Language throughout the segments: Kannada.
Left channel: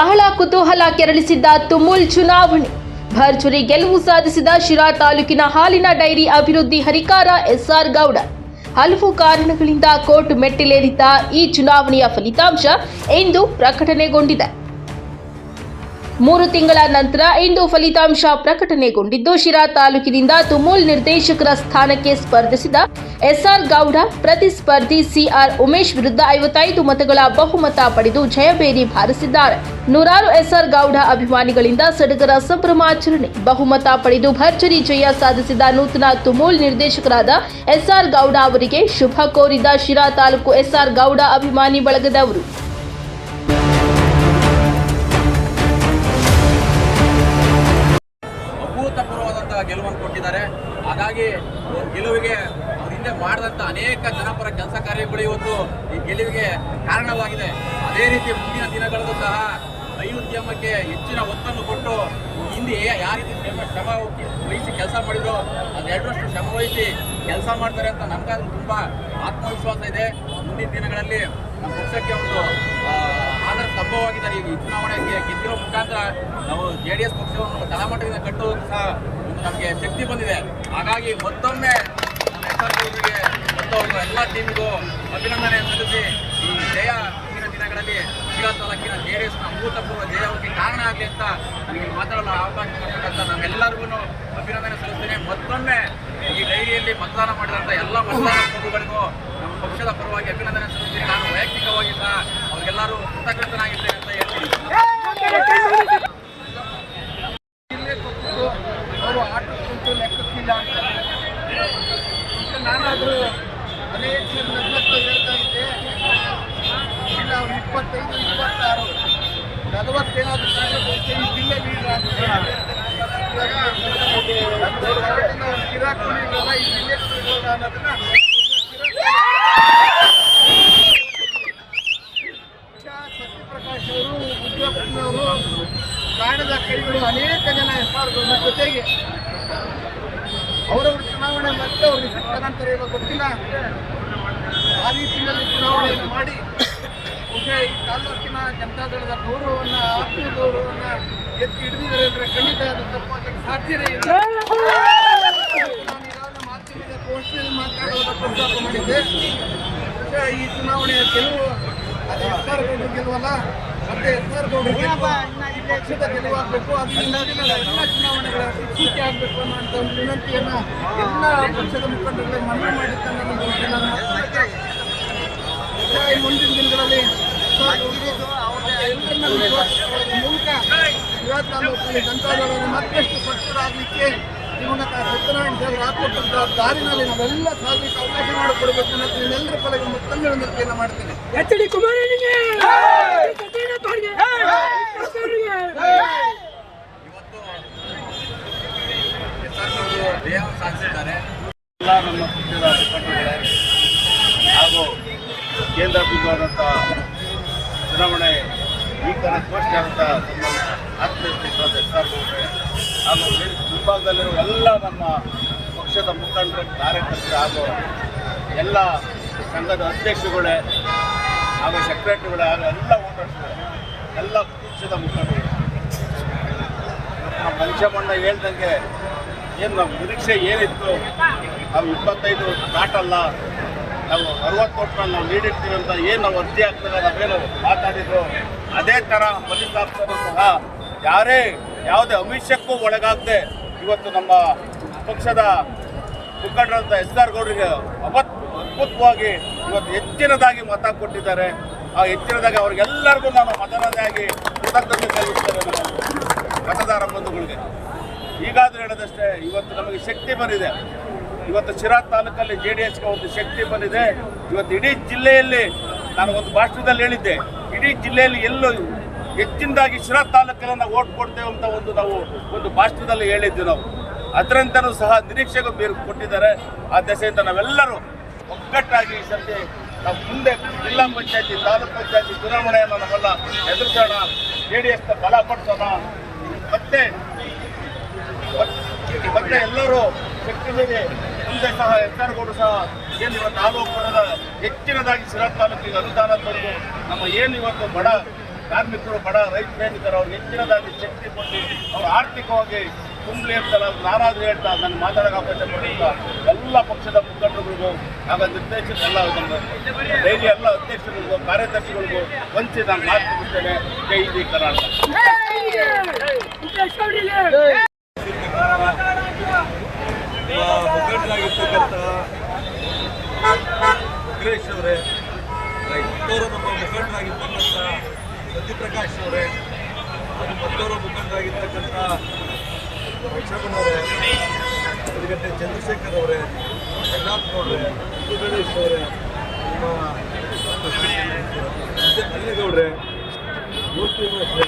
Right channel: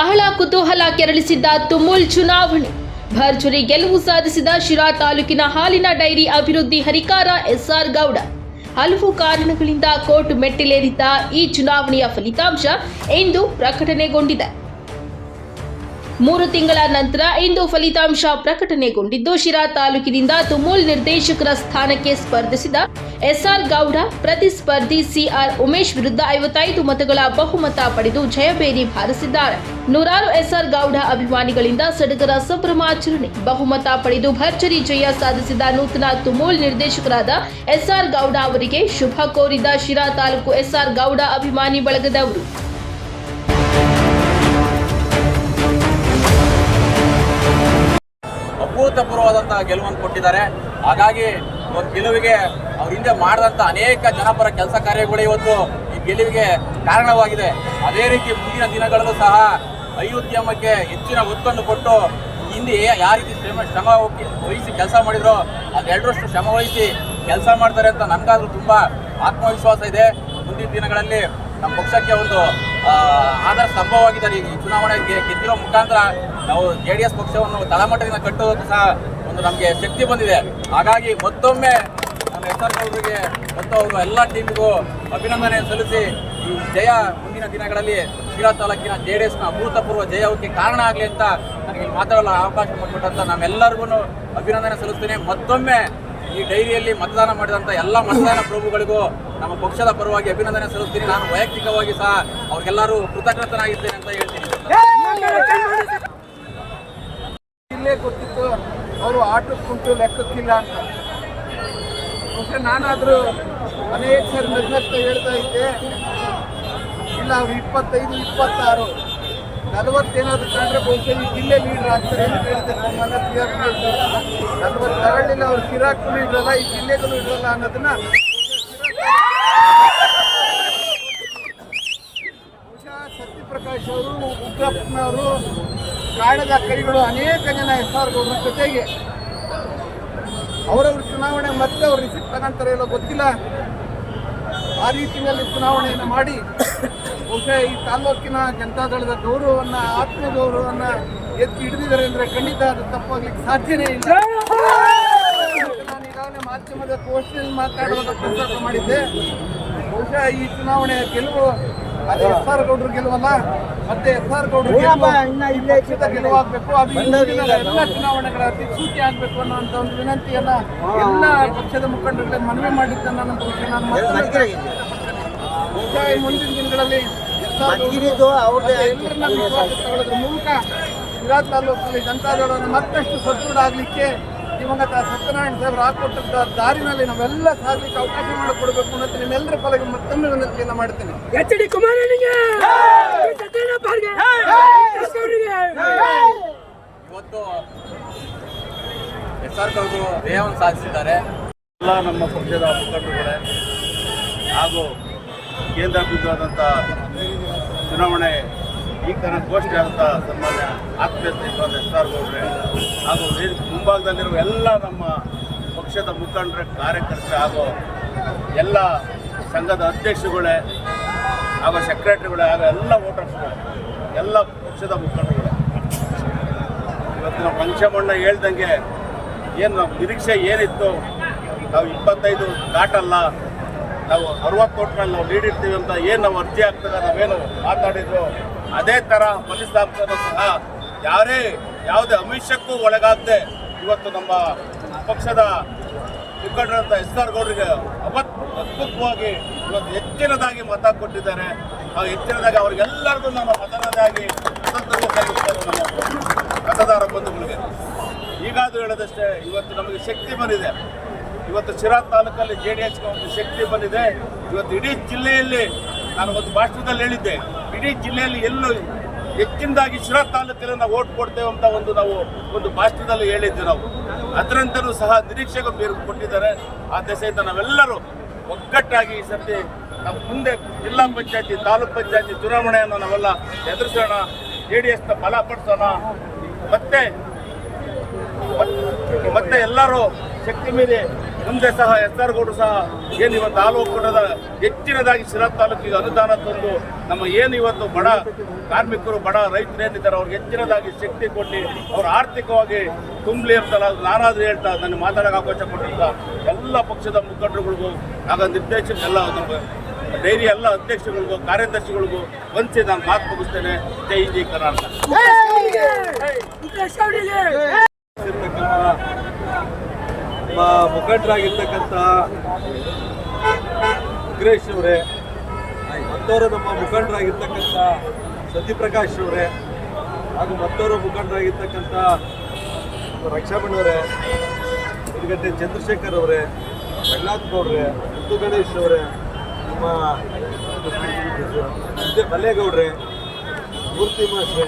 ಬಹಳ ಕುತೂಹಲ ಕೆರಳಿಸಿದ್ದ ತುಮುಲ್ ಚುನಾವಣೆ. ಭರ್ಜರಿ ಗೆಲುವು ಸಾಧಿಸಿದ ಶಿರಾ ತಾಲೂಕಿನ ಹಾಲಿನ ಡೈರಿ ಅಭಿವೃದ್ಧಿ ಹರಿಕಾರ ಎಸ್ಆರ್ ಗೌಡ. ಹಲವು ಕಾರಣಗಳಿಂದ ಕೋರ್ಟ್ ಮೆಟ್ಟಿಲೇರಿದ್ದ ಈ ಚುನಾವಣೆಯ ಫಲಿತಾಂಶ ಇಂದು ಪ್ರಕಟಣೆಗೊಂಡಿದೆ. ಮೂರು ತಿಂಗಳ ನಂತರ ಇಂದು ಫಲಿತಾಂಶ ಪ್ರಕಟಣೆಗೊಂಡಿದ್ದು, ಶಿರಾ ತಾಲೂಕಿನಿಂದ ತುಮೂಲ್ ನಿರ್ದೇಶಕರ ಸ್ಥಾನಕ್ಕೆ ಸ್ಪರ್ಧಿಸಿದ ಎಸ್ಆರ್ ಗೌಡ, ಪ್ರತಿಸ್ಪರ್ಧಿ ಸಿಆರ್ ಉಮೇಶ್ ವಿರುದ್ಧ ಐವತ್ತೈದು ಮತಗಳ ಬಹುಮತ ಪಡೆದು ಜಯಬೇರಿ ಬಾರಿಸಿದ್ದಾರೆ. ನೂರಾರು ಎಸ್ಆರ್ ಗೌಡ ಅಭಿಮಾನಿಗಳಿಂದ ಸಡಗರ ಸಂಭ್ರಮಾಚರಣೆ, ಬಹುಮತ ಪಡೆದು ಭರ್ಜರಿ ಜಯ ಸಾಧಿಸಿದ ನೂತನ ತುಮೂಲ್ ನಿರ್ದೇಶಕರಾದ ಎಸ್ಆರ್ ಗೌಡ ಅವರಿಗೆ ಶುಭ ಕೋರಿದ ಶಿರಾ ತಾಲೂಕು ಎಸ್ಆರ್ ಗೌಡ ಅಭಿಮಾನಿ ಬಳಗದವರು. ಗೆಲುವನ್ನು ಕೊಟ್ಟಿದ್ದಾರೆ. ಹಾಗಾಗಿ ಒಂದು ಗೆಲುವಿಗೆ ಅವ್ರ ಹಿಂದೆ ಮಾಡಿದಂಥ ಅನೇಕ ಜನಪರ ಕೆಲಸ ಕಾರ್ಯಗಳು ಇವತ್ತು ಈ ಗೆಲುವಿಗೆ ಕಾರಣವಾಗಿದೆ. ಅದೇ ರೀತಿ ಮುಂದಿನ ದಿನಗಳಲ್ಲೂ ಸಹ ಐರುದ್ಯಮಕ್ಕೆ ಹೆಚ್ಚಿನ ಒತ್ತನ್ನು ಕೊಟ್ಟು ಹಿಂದೆ ಯಾವ ರೀತಿ ಶ್ರಮ ಶ್ರಮ ವಹಿಸಿ ಕೆಲಸ ಮಾಡಿದ್ರು ಅದೆರಡರಷ್ಟು ಶ್ರಮ ವಹಿಸಿ ಕೆಲಸ ಮಾಡ್ತಾರೆ ಅಂತ ನನಗಾದ್ರೂ ತುಂಬ ಆತ್ಮವಿಶ್ವಾಸ ಇದೆ. ಮುಂದಿನ ದಿನಗಳಲ್ಲಿ ನಮ್ಮ ಪಕ್ಷಕ್ಕೆ ಒಂದು ಆಧಾರ ಸ್ತಂಭವಾಗಿದ್ದಾರೆ ಈ ಚುನಾವಣೆ ಗೆ- ಗೆದ್ದಿರೋ ಮುಖಾಂತರ ನಾವು ಜೆ ಡಿ ಎಸ್ ಪಕ್ಷವನ್ನು ತಳಮಟ್ಟದಿಂದ ಕಟ್ಟುವುದಕ್ಕೂ ಸಹ ನಮಗೆ ಶಕ್ತಿ ಬಂದಿದೆ ಹಾಗಾಗಿ ಮತ್ತೊಮ್ಮೆ ನಮ್ಮ ಎಸ್ ಆರ್ಗೆ ಮತ್ತು ಎಲ್ಲ ಟೀಮ್ಗೂ ಅಭಿನಂದನೆ ಸಲ್ಲಿಸಿ ಈ ಜಯ ಮುಂದಿನ ದಿನಗಳಲ್ಲಿ ಶಿರಾ ತಾಲೂಕಿನ ಜೆ ಡಿ ಎಸ್ನ ಅಭೂತಪೂರ್ವ ಜಯಕ್ಕೆ ಕಾರಣ ಆಗಲಿ ಅಂತ ನನಗೆ ಮಾತಾಡಲು ಅವಕಾಶ ಕೊಟ್ಟಂತ ನಾವೆಲ್ಲರಿಗೂ ಅಭಿನಂದನೆ ಸಲ್ಲಿಸ್ತೀನಿ ಮತ್ತೊಮ್ಮೆ ಈ ಡೈರಿಯಲ್ಲಿ ಮತದಾನ ಮಾಡಿದಂಥ ಎಲ್ಲ ಮತದಾನ ಪ್ರಭುಗಳಿಗೂ ನಮ್ಮ ಪಕ್ಷದ ಪರವಾಗಿ ಅಭಿನಂದನೆ ಸಲ್ಲಿಸ್ತೀನಿ ನಾನು ವೈಯಕ್ತಿಕವಾಗಿ ಸಹ ಅವ್ರಿಗೆಲ್ಲರೂ ಕೃತಜ್ಞತನಾಗಿದ್ದೇನೆ ಅಂತ ಹೇಳ್ತೀನಿ ಅವರು ಆಟಕ್ಕುಂಟು ಲೆಕ್ಕಕ್ಕಿಲ್ಲ ಅಂತ. ಮತ್ತೆ ನಾನಾದರೂ ಅನೇಕ ಸರ್ ನಿರ್ಲಕ್ಷ್ಯ ಹೇಳ್ತಾ ಇದ್ದೆ. ಇಲ್ಲ, ಅವ್ರು ಇಪ್ಪತ್ತೈದು, ಇಪ್ಪತ್ತಾರು. ನಲವತ್ತೇನಾದ್ರು ಕಂಡ್ರೆ ಬಹುಶಃ ಈ ಜಿಲ್ಲೆ ಲೀಡರ್ ಆಗ್ತಾರೆ ತರಳಿನ ಅವ್ರು ಕಿರಾಕು ಇರಲ್ಲ ಈ ಜಿಲ್ಲೆಗೂ ಇರಲ್ಲ ಅನ್ನೋದನ್ನ ಬಹುಶಃ ಸತ್ಯಪ್ರಕಾಶ್ ಅವರು ಉಗ್ರಪ್ಪನವರು ಕಾಣದ ಕೈಗಳು ಅನೇಕ ಜನ ಎಸ್ ಆರ್ ಗೌಡ್ರ ಜೊತೆಗೆ ಅವರವ್ರ ಚುನಾವಣೆ ಮತ್ತೆ ಅವ್ರು ರಿಸಿಪ್ಟ್ ತಗೊಂತಾರೆ ಹೇಳೋ ಗೊತ್ತಿಲ್ಲ. ಆ ರೀತಿಯಲ್ಲಿ ಚುನಾವಣೆಯನ್ನು ಮಾಡಿ ಬಹುಶಃ ಈ ತಾಲೂಕಿನ ಜನತಾದಳದ ಗೌರವವನ್ನು, ಆತ್ಮೀಯ ಗೌರವವನ್ನು ಎತ್ತಿ ಹಿಡಿದಿದ್ದಾರೆ ಅಂದರೆ ಖಂಡಿತ ಅದು ತಪ್ಪಾಗ್ಲಿಕ್ಕೆ ಸಾಧ್ಯನೇ ಇಲ್ಲ. ನಾನು ಈಗಾಗಲೇ ಮಾಧ್ಯಮದ ಗೋಷ್ಠಿಯಲ್ಲಿ ಮಾತಾಡುವಾಗ ಪ್ರಸ್ತಾಪ ಮಾಡಿದ್ದೆ. ಬಹುಶಃ ಈ ಚುನಾವಣೆಯ ಗೆಲುವು ಅದು ಎಸ್ ಆರ್ ಗೌಡ್ರ ಗೆಲುವಲ್ಲ. ಮತ್ತೆ ಎಸ್ ಆರ್ ಈ ಪಕ್ಷದ ಗೆಲುವಾಗಬೇಕು. ಅದು ಎಲ್ಲ ಚುನಾವಣೆಗಳ ಸೂಚಿ ಆಗಬೇಕು ಅನ್ನುವಂಥ ಒಂದು ವಿನಂತಿಯನ್ನ ಎಲ್ಲ ಪಕ್ಷದ ಮುಖಂಡರುಗಳಿಗೆ ಮನವಿ ಮಾಡಿದ್ದನ್ನು ನಾನು ನಾನು ಈ ಮುಂದಿನ ದಿನಗಳಲ್ಲಿ ಎಸ್ ಆರ್ ಗೌಡ್ರು ಮತ್ತೆ ಎಲ್ಲರನ್ನ ಮೂಲಕ ಶಿರಾ ತಾಲೂಕಿನಲ್ಲಿ ಜನತಾದಳವನ್ನು ಮತ್ತಷ್ಟು ಸದೃಢ ಆಗಲಿಕ್ಕೆ ದಿವಂಗತ ಸತ್ಯನಾರಾಯಣ ದೇವರು ಹಾಕೊಟ್ಟಂತ ದಾರಿನಲ್ಲಿ ನಾವೆಲ್ಲ ಸಾಗಲಿಕ್ಕೆ ಅವಕಾಶ ಮಾಡಿಕೊಡ್ಬೇಕು ಅನ್ನೋದು ನಿಮ್ಮೆಲ್ಲರ ಕಲೆಗೆ ಮತ್ತೊಮ್ಮೆ ವಿನಂತಿಯನ್ನು ಮಾಡ್ತೇನೆ. ಎಚ್ ಡಿ ಕುಮಾರನಿಗೆ ಇವತ್ತು ಎಸ್ ಆರ್ ದೇಹವನ್ನು ಸಾಧಿಸಿದ್ದಾರೆ. ಎಲ್ಲ ನಮ್ಮ ಪಕ್ಷದ ಮುಖಂಡರುಗಳೇ ಹಾಗೂ ಕೇಂದ್ರ ಬಿಂದುವಾದಂತಹ ಚುನಾವಣೆ ಈ ಘೋಷಣೆ ಆದಂಥ ಸನ್ಮಾನ್ಯ ಆತ್ಮೀಯ ಸ್ನೇಹಿತರಾದ ಎಸ್ ಆರ್ ಗೌಡ್ರೆ ಹಾಗೂ ಮುಂಭಾಗದಲ್ಲಿರುವ ಎಲ್ಲ ನಮ್ಮ ಪಕ್ಷದ ಮುಖಂಡರ, ಕಾರ್ಯಕರ್ತರು ಹಾಗೂ ಎಲ್ಲ ಸಂಘದ ಅಧ್ಯಕ್ಷಗಳೇ ಹಾಗೂ ಸೆಕ್ರೆಟರಿಗಳೇ ಹಾಗೂ ಎಲ್ಲ ವೋಟರ್ಸ್ಗಳೇ, ಎಲ್ಲ ಪಕ್ಷದ ಮುಖಂಡರುಗಳೇ. ಇವತ್ತು ನಮ್ಮ ಪಂಚಮಣ್ಣ ಹೇಳ್ದಂಗೆ ಏನು ನಮ್ಮ ನಿರೀಕ್ಷೆ ಏನಿತ್ತು? ನಾವು ಇಪ್ಪತ್ತೈದು ದಾಟಲ್ಲ, ನಾವು ಅರವತ್ತು ಓಟ್ನಲ್ಲಿ ನಾವು ನೀಡಿರ್ತೀವಿ ಅಂತ ಏನು ನಾವು ಅರ್ಜಿ ಹಾಕಿದಾಗ ನಾವೇನು ಮಾತಾಡಿದ್ರು ಅದೇ ಥರ ಫಲಿತಾಂಶನೂ ಸಹ ಯಾರೇ ಯಾವುದೇ ಅಮಿಷಕ್ಕೂ ಒಳಗಾಗದೆ ಇವತ್ತು ನಮ್ಮ ಪಕ್ಷದ ಮುಖಂಡರಂತ ಎಸ್ ಆರ್ ಗೌಡರಿಗೆ ಅವತ್ ಅದ್ಭುತವಾಗಿ ಇವತ್ತು ಹೆಚ್ಚಿನದಾಗಿ ಮತ ಕೊಟ್ಟಿದ್ದಾರೆ. ಆ ಹೆಚ್ಚಿನದಾಗಿ ಅವ್ರಿಗೆಲ್ಲರಿಗೂ ನಾನು ಮತದಾರರಾಗಿ ಕೃತಜ್ಞತೆ ಸಲ್ಲಿಸ್ತೇನೆ ನಮ್ಮ ಮತದಾರ ಬಂಧುಗಳಿಗೆ. ಈಗಾದರೂ ಹೇಳದಷ್ಟೇ, ಇವತ್ತು ನಮಗೆ ಶಕ್ತಿ ಬಂದಿದೆ. ಇವತ್ತು ಶಿರಾ ತಾಲೂಕಲ್ಲಿ ಜೆ ಡಿ ಒಂದು ಶಕ್ತಿ ಬಂದಿದೆ. ಇವತ್ತು ಇಡೀ ಜಿಲ್ಲೆಯಲ್ಲಿ ನಾನು ಒಂದು ಭಾಷಣದಲ್ಲಿ ಹೇಳಿದ್ದೆ. ಇಡೀ ಜಿಲ್ಲೆಯಲ್ಲಿ ಎಲ್ಲೂ ಹೆಚ್ಚಿನದಾಗಿ ಶಿರಾ ತಾಲೂಕಿನ ನಾವು ಓಟ್ ಕೊಡ್ತೇವೆ ಅಂತ ಒಂದು ನಾವು ಒಂದು ಭಾಷಣದಲ್ಲಿ ಹೇಳಿದ್ವಿ ನಾವು. ಅದರಂತನೂ ಸಹ ನಿರೀಕ್ಷೆಗೂ ಬೇರು ಕೊಟ್ಟಿದ್ದಾರೆ. ಆ ದೆಸೆಯಿಂದ ನಾವೆಲ್ಲರೂ ಒಗ್ಗಟ್ಟಾಗಿ ಈ ಸರ್ತಿ ನಮ್ಮ ಮುಂದೆ ಜಿಲ್ಲಾ ಪಂಚಾಯತಿ, ತಾಲೂಕ್ ಪಂಚಾಯತಿ ಚುನಾವಣೆಯನ್ನು ನಾವೆಲ್ಲ ಎದುರಿಸೋಣ, ಜೆ ಡಿ ಎಸ್ನ ಬಲಪಡಿಸೋಣ ಮತ್ತೆ ಮತ್ತೆ ಎಲ್ಲರೂ ಶಕ್ತಿ ಮೀರಿ ಮುಂದೆ ಸಹ ಗೌಡರು ಸಹ ಏನು ಇವತ್ತು ಒಕ್ಕೂಟದ ಹೆಚ್ಚಿನದಾಗಿ ಸಿರಾ ತಾಲೂಕಿಗೆ ಅನುದಾನ ತಂದು ನಮ್ಮ ಏನು ಇವತ್ತು ಬಡ ಕಾರ್ಮಿಕರು, ಬಡ ರೈತರು ಏನಿದ್ದಾರೆ, ಅವ್ರಿಗೆ ಹೆಚ್ಚಿನದಾಗಿ ಶಕ್ತಿ ಕೊಟ್ಟು ಅವ್ರು ಆರ್ಥಿಕವಾಗಿ ತುಂಬಲಿ ಅಂತಲ್ಲ ನಾನಾದ್ರೂ ಹೇಳ್ತಾ ನನ್ನ ಮಾತಾಡಕ್ಕೆ ಅವಕಾಶ ಕೊಟ್ಟಿದ್ದ ಎಲ್ಲ ಪಕ್ಷದ ಮುಖಂಡರುಗಳಿಗೂ, ಆಗ ನಿರ್ದೇಶಕ ಎಲ್ಲ ನಮ್ಮ ಡೈರಿ ಎಲ್ಲ ಅಧ್ಯಕ್ಷಗಳಿಗೂ ಕಾರ್ಯದರ್ಶಿಗಳಿಗೂ ವಂಚಿ ನಾನು ಮಾತು ಮುಗಿಸ್ತೇನೆ. ಜೈ ಜೈ ಕರ್ನಾಟಕ. ಮುಖಂಡರಾಗಿರ್ತಕ್ಕಂಥ ಸುರೇಶ್ ಅವರೇ ಮತ್ತೋರ ನಮ್ಮ ಮುಖಂಡರಾಗಿರ್ತಕ್ಕಂಥ ಸತ್ಯಪ್ರಕಾಶ್ ಅವರೇ, ಹಾಗೂ ಮತ್ತೋರ ಮುಖಂಡರಾಗಿರ್ತಕ್ಕಂಥ ರಕ್ಷಾಬನವರೇ ರಕ್ಷಾಬನ್ ಅವರೇ ಗಂಟೆ ಚಂದ್ರಶೇಖರ್ ಅವರೇ ಪ್ರಹ್ಲಾದ್ ಗೌಡ್ರೆ ಮುದ್ದು ಗಣೇಶ್ ಅವರೇ, ನಮ್ಮ ಮಲ್ಲೇಗೌಡ್ರೆ, ಮೂರ್ತಿ ಮಾಸ್ರೆ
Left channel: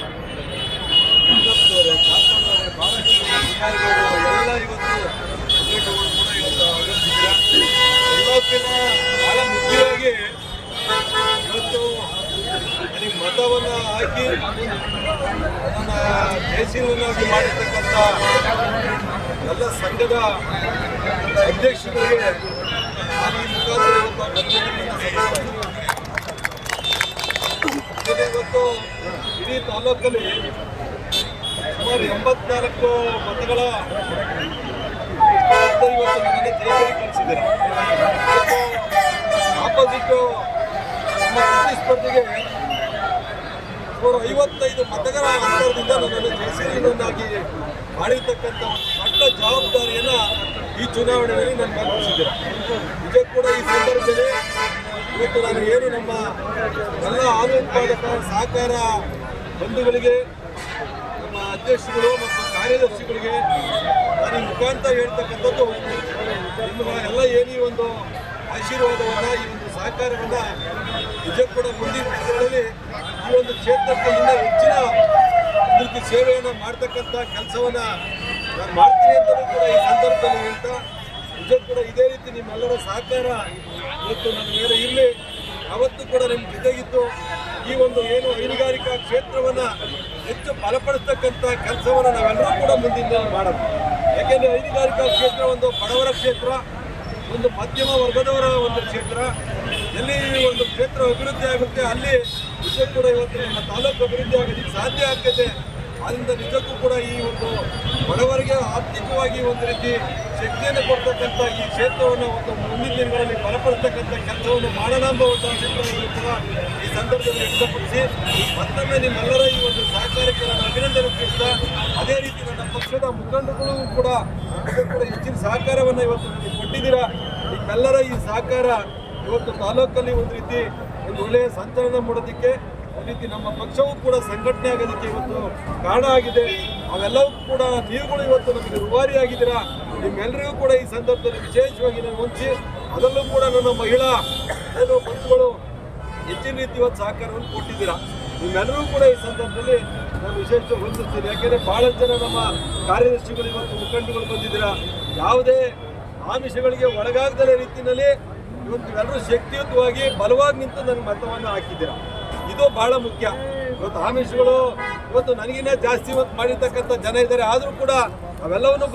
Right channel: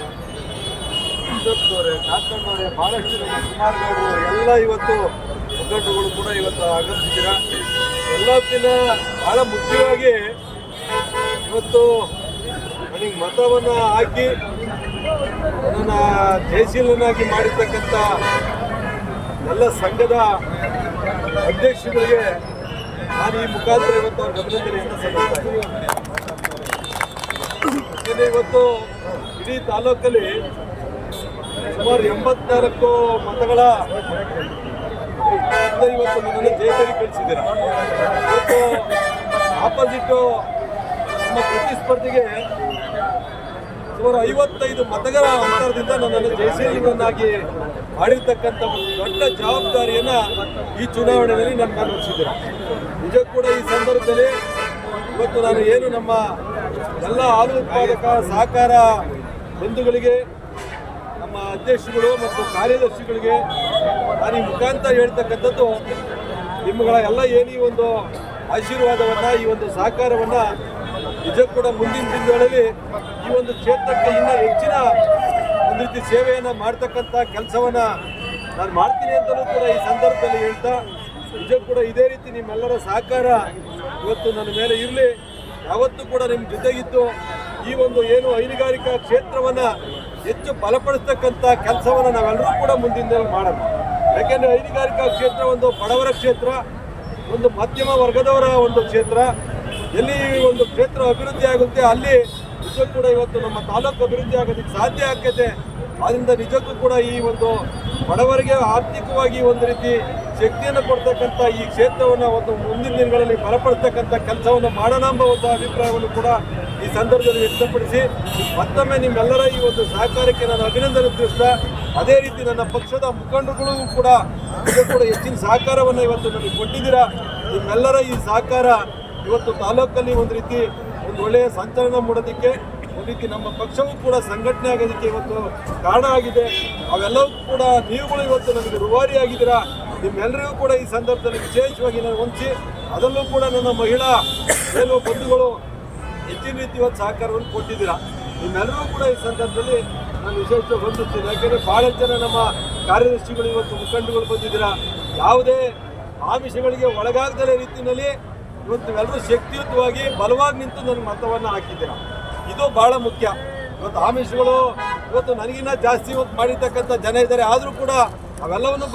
ಅವರೇ ಕಾಕಮ್ಮವರೇ ಬಾಲಕೃಷ್ಣ ಕುಮಾರ್ ಗೌಡ್ರು, ಎಲ್ಲ ಇವತ್ತು ಮುಖಂಡರುಗಳು ಕೂಡ ಇವತ್ತು ಆಗಮಿಸಿದ್ದೀರ? ಎಲ್ಲಕ್ಕಿಂತ ಬಹಳ ಮುಖ್ಯವಾಗಿ ಇವತ್ತು ನನಗೆ ಮತವನ್ನು ಹಾಕಿ ನನ್ನ ಜಯಶೀಲನಾಗಿ ಮಾಡಿರ್ತಕ್ಕಂಥ ಎಲ್ಲ ಸಂಘದ ಅಧ್ಯಕ್ಷರಿಗೆ ನಾನು ಈ ಮುಖಾಂತರ ಇವತ್ತು ಅವ್ರ ಇವತ್ತು ಇಡೀ ತಾಲೂಕಲ್ಲಿ ಸುಮಾರು ಎಂಬತ್ನಾಲ್ಕು ಮತಗಳ ಇಂದ ಇವತ್ತು ನನ್ನನ್ನು ಜಯಕರಿ ಕಳಿಸಿದ್ದೀರ? ಇವತ್ತು ಆಪೋಸಿಟ್ಟು ನಮ್ಮ ಪ್ರತಿಸ್ಪರ್ಧಿಗೆ ಸುಮಾರು ಐವತ್ತೈದು ಮತಗಳ ಅಂತರದಿಂದ ನನ್ನನ್ನು ಜಯಶೀಲನಾಗಿ ಮಾಡಿರ್ತಕ್ಕಂಥ ಒಂದು ದೊಡ್ಡ ಜವಾಬ್ದಾರಿಯನ್ನು ಈ ಚುನಾವಣೆಯಲ್ಲಿ ನನ್ನ ಮೇಲೆ ಹೊರಿಸಿದ್ದೀರ? ನಿಜ ಕೂಡ ಈ ಸಂದರ್ಭದಲ್ಲಿ ಇವತ್ತು ನಾನು ಏನು ನಮ್ಮ ಎಲ್ಲ ಹಾಲು ಉತ್ಪಾದಕ ಸಹಕಾರ ಬಂಧುಗಳಿಗೆ ನಮ್ಮ ಅಧ್ಯಕ್ಷರುಗಳು ಮತ್ತು ಕಾರ್ಯದರ್ಶಿಗಳಿಗೆ ನಾನು ಈ ಮುಖಾಂತರ ಹೇಳ್ತಕ್ಕಂಥದ್ದು, ನಿಮ್ಮಗಳ ಎಲ್ಲ ಏನು ಒಂದು ಆಶೀರ್ವಾದವನ್ನು, ಈ ಒಂದು ಸಹಕಾರವನ್ನು ನಿಜ ಕೂಡ ಮುಂದಿನ ದಿನಗಳಲ್ಲಿ ಈ ಒಂದು ಕ್ಷೇತ್ರಕ್ಕೆ ಇನ್ನೂ ಹೆಚ್ಚಿನ ಒಂದು ರೀತಿ ಸೇವೆಯನ್ನು ಮಾಡ್ತಕ್ಕಂಥ ಕೆಲಸವನ್ನು ನಾನು ಮಾಡ್ತೀನಿ ಅಂತಲೂ ಕೂಡ ಈ ಸಂದರ್ಭದಲ್ಲಿ ಹೇಳ್ತಾ ನಿಜ ಕೂಡ ಇದೇ ರೀತಿ ನಿಮ್ಮೆಲ್ಲರ ಸಹಕಾರ ಇವತ್ತು ನನ್ನ ಮೇಲೆ ಇರಲಿ. ಯಾವತ್ತೂ ಕೂಡ ನಿಮ್ಮ ಜೊತೆಗಿತ್ತು ಈ ಒಂದು ಏನು ಹೈನುಗಾರಿಕಾ ಕ್ಷೇತ್ರವನ್ನು ಹೆಚ್ಚು ಬಲಪಡಿಸ್ತಕ್ಕಂಥ ಕೆಲಸವನ್ನು ನಾವೆಲ್ಲರೂ ಕೂಡ ಮುಂದಿನ ಮಾಡೋಣ. ಯಾಕೆಂದರೆ ಹೈನುಗಾರಿಕಾ ಕ್ಷೇತ್ರ ಒಂದು ಬಡವರ ಕ್ಷೇತ್ರ, ಒಂದು ಮಧ್ಯಮ ವರ್ಗದವರ ಒಂದು ಕ್ಷೇತ್ರ. ಎಲ್ಲಿ ಒಂದು ಕ್ಷೇತ್ರ ಅಭಿವೃದ್ಧಿ ಆಗುತ್ತೆ, ಅಲ್ಲಿ ನಿಜಕ್ಕೂ ಕೂಡ ಇವತ್ತು ನಮ್ಮ ತಾಲೂಕು ಅಭಿವೃದ್ಧಿ ಆಗೋದಕ್ಕೆ ಸಾಧ್ಯ ಆಗ್ತದೆ. ಆದ್ದರಿಂದ ನಿಜಕ್ಕೂ ಕೂಡ ಈ ಒಂದು ಬಡವರಿಗೆ ಆರ್ಥಿಕವಾಗಿ ಒಂದು ರೀತಿ ಶಕ್ತಿಯನ್ನು ಕೊಡ್ತಕ್ಕಂಥ ಈ ಕ್ಷೇತ್ರವನ್ನು ಒಂದು ಮುಂದಿನ ದಿನಗಳಲ್ಲಿ ಬಲಪಡಿಸ್ತಕ್ಕಂಥ ಕೆಲಸವನ್ನು ಮಾಡೋಣ ಎಂಬ ಒಂದು ಅಭಿಪ್ರಾಯವನ್ನು ಕೂಡ ಈ ಸಂದರ್ಭದಲ್ಲಿ ವ್ಯಕ್ತಪಡಿಸಿ, ಮತ್ತೊಮ್ಮೆ ನಿಮ್ಮೆಲ್ಲರ ಈ ಒಂದು ಸಹಕಾರಕ್ಕೆ ನಾನು ಅಭಿನಂದನೆ ತಿಳಿಸ್ತಾ, ಅದೇ ರೀತಿ ನನ್ನ ಪಕ್ಷದ ಮುಖಂಡರುಗಳು ಕೂಡ ಕೂಡ ಹೆಚ್ಚಿನ ಸಹಕಾರವನ್ನು ಇವತ್ತು ನನಗೆ ಕೊಟ್ಟಿದ್ದೀರಾ. ನಿಮ್ಮೆಲ್ಲರ ಈ ಸಹಕಾರ ಇವತ್ತು ತಾಲೂಕಲ್ಲಿ ಒಂದು ರೀತಿ ಒಂದು ಒಳ್ಳೆಯ ಸಂಚಲನ ಮೂಡೋದಕ್ಕೆ, ಒಂದು ರೀತಿ ನಮ್ಮ ಪಕ್ಷವೂ ಕೂಡ ಸಂಘಟನೆ ಆಗೋದಕ್ಕೆ ಇವತ್ತು ಕಾರಣ ಆಗಿದೆ. ಅವೆಲ್ಲವೂ ಕೂಡ ನೀವುಗಳು ಇವತ್ತು ನಮಗೆ ರುವಾರಿ ಆಗಿದ್ದೀರಾ. ನಿಮ್ಮೆಲ್ಲರಿಗೂ ಕೂಡ ಈ ಸಂದರ್ಭದಲ್ಲಿ ವಿಶೇಷವಾಗಿ ನಾನು ಹೊಂಚಿ ಅದರಲ್ಲೂ ಕೂಡ ನನ್ನ ಮಹಿಳಾ ಏನೋ ಬಂಧುಗಳು ಹೆಚ್ಚಿನ ರೀತಿ ಒಂದು ಸಹಕಾರವನ್ನು ಕೊಟ್ಟಿದ್ದೀರಾ. ನಿಮ್ಮೆಲ್ಲರೂ ಕೂಡ ಈ ಸಂದರ್ಭದಲ್ಲಿ ನಾನು ವಿಶೇಷವಾಗಿ ವಂದಿಸ್ತೀನಿ. ಯಾಕೆಂದರೆ ಭಾಳ ಜನ ನಮ್ಮ ಕಾರ್ಯದರ್ಶಿಗಳು ಇವತ್ತು ಮುಖಂಡಗಳು ಬಂದಿದ್ದೀರಾ. ಯಾವುದೇ ಆಮಿಷಗಳಿಗೆ ಒಳಗಾಗದ ರೀತಿಯಲ್ಲಿ ಇವತ್ತು ನೀವೆಲ್ಲರೂ ಶಕ್ತಿಯುತವಾಗಿ ಬಲವಾಗಿ ನಿಂತು ನನ್ನ ಮತವನ್ನು ಹಾಕಿದ್ದೀರಾ. ಇದು ಭಾಳ ಮುಖ್ಯ. ಇವತ್ತು ಆಮಿಷಗಳು, ಇವತ್ತು ನನಗಿನ್ನ ಜಾಸ್ತಿ ಇವತ್ತು ಮಾಡಿರ್ತಕ್ಕಂಥ ಜನ ಇದ್ದಾರೆ. ಆದರೂ ಕೂಡ ಅವೆಲ್ಲವನ್ನು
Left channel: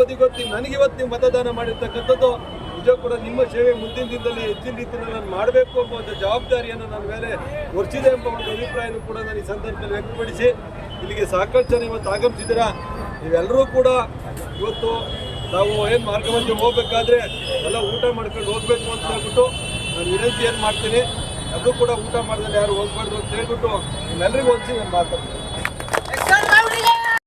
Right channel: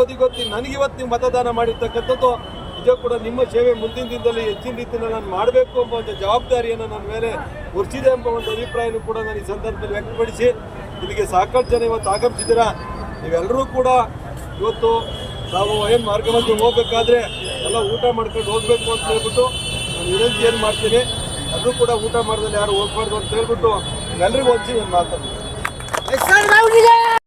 ನನಗೆ ಇವತ್ತು ನೀವು ಮತದಾನ ಮಾಡಿರ್ತಕ್ಕಂಥದ್ದು ನಿಜ ಕೂಡ ನಿಮ್ಮ ಸೇವೆ ಮುಂದಿನ ದಿನದಲ್ಲಿ ಹೆಚ್ಚಿನ ರೀತಿಯಲ್ಲಿ ನಾನು ಮಾಡಬೇಕು ಎಂಬ ಒಂದು ಜವಾಬ್ದಾರಿಯನ್ನು ನನ್ನ ಮೇಲೆ ಹೊರಿಸಿದೆ ಎಂಬ ಒಂದು ಅಭಿಪ್ರಾಯನೂ ಕೂಡ ನಾನು ಈ ಸಂದರ್ಭದಲ್ಲಿ ವ್ಯಕ್ತಪಡಿಸಿ, ಇಲ್ಲಿಗೆ ಸಾಕಷ್ಟು ಜನ ಇವತ್ತು ಆಗಮಿಸಿದ್ದೀರಾ? ನೀವೆಲ್ಲರೂ ಕೂಡ ಇವತ್ತು ನಾವು ಏನು ಮಾರ್ಗ ಮಧ್ಯೆ ಹೋಗ್ಬೇಕಾದ್ರೆ ಎಲ್ಲ ಊಟ ಮಾಡ್ಕೊಂಡು ಹೋಗಬೇಕು ಅಂತ ಹೇಳ್ಬಿಟ್ಟು ನಾನು ವಿನಂತಿ ಏನು ಮಾಡ್ತೀನಿ, ಎಲ್ಲರೂ ಕೂಡ ಊಟ ಮಾಡ್ದಲ್ಲಿ ಯಾರು ಹೋಗ್ಬಾರ್ದು ಅಂತ ಹೇಳ್ಬಿಟ್ಟು ನಿಮ್ಮೆಲ್ಲರಿಗೂ ಹೊಂಚಿ ನಾನು ಮಾತಾಡ್ತೀನಿ